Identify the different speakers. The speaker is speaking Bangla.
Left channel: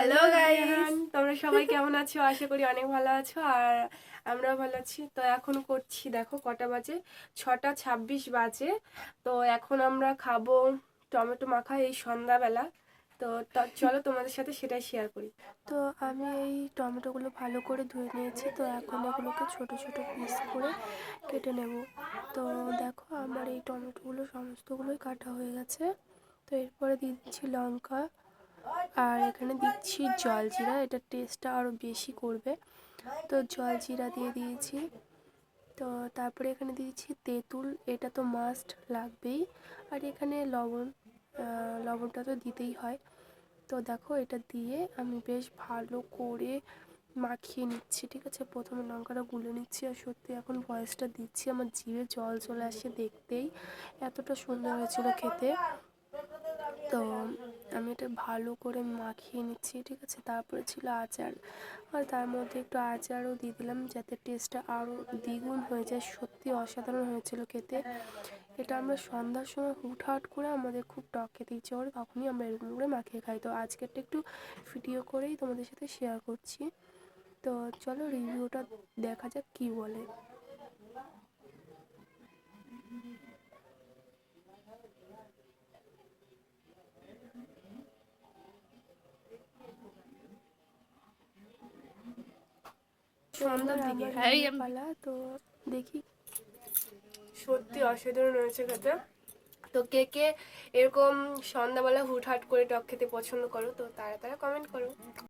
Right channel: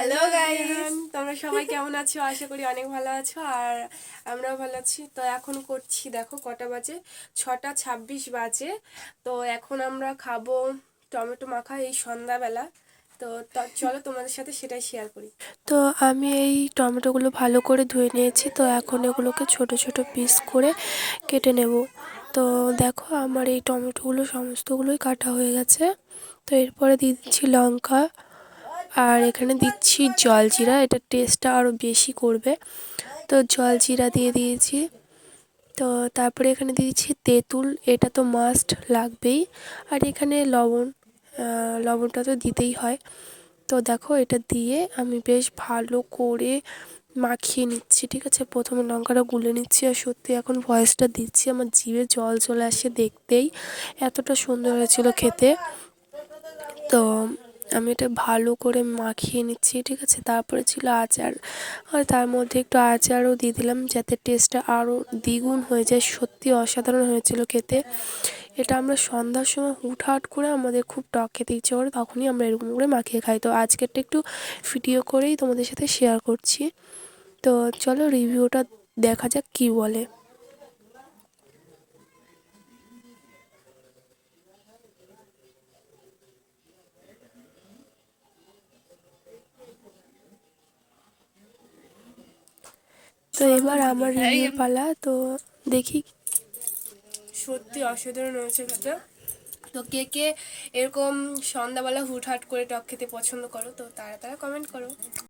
Speaker 1: হ্যালো গাইস তোমরা সবাই কেমন আছো? আশা করি অনেক ভালো আছো আর আমরাও ভালো আছি। তো এখন করছি দেখো কটা বাজে? ছটা ছাব্বিশ বাজে। তো এখন আমরা খাব টমেটো মাখা এই সন্ধ্যাবেলা। তো ত- চলো তোমাদের সাথে সেটাই শেয়ার করি। তো আমি এই টমেটোগুলো ভালো করে ধুয়ে নিয়েছি। তো এখন এগুলোকে ছোট ছোট পিস করে কেটে নেব। তো দেখো আমার এই টমেটোগুলো সমস্তগুলোই কাটা হয়ে গেছে। তো এরপরে দিয়ে দিচ্ছি লঙ্কা। আর এখানে দিচ্ছি জলজিরা এটা টেস্টটা আরও বেশি করবে। তো জলজিরা দিয়ে দিয়েছি। তো তারপরে এখানে দিয়েছি তেঁতুল, এটা তো মাস্ট লাগবেই। আর এখানে লবণ লবণটা তো দিতেই হয়। তো দেখো এটা দিয়ে আমি বেশ ভালো করে মাখিয়ে নিচ্ছি, ঠিক আছে? প্রথমে লঙ্কাটা গুলে নিচ্ছি আর সত্যি এখন ভয়েসটা দিচ্ছি, আমার জিভে জল চলে আসে দেখতেই। এতটা সুন্দর হয়েছিল খেতে। তো আমি এটা ভালো করে মাখিয়ে নিচ্ছি, ঠিক আছে? তারপরে ছিল আচার। আর তার মধ্যে একটু আচারও দিয়ে দিলাম যাতে টেস্টটা আরও দ্বিগুণ হয়ে যায়, সত্যি অসাধারণ হয়েছিল খেতে। এটা আমরা সন্ধ্যার সময় হুটহাট করে আমাদের খুব টক খেতে ইচ্ছে করে তখনই আমরা এরকম করে মাখিয়ে খাই। তো আজকেরটা একটু ভিডিও করেই তোমাদের সাথে শেয়ার করছি। তো চলো রিভিউটা দেখা যাক কী বলে। তো এবার আমার রিভিউ পালা তো দেখি। সত্যি অসাধারণ হয়েছে খেতে। তো কে কে এরকম সন্ধ্যাবেলা হুটহাট করে টক খেতে পছন্দ করো তো তারা তারা কমেন্ট করো।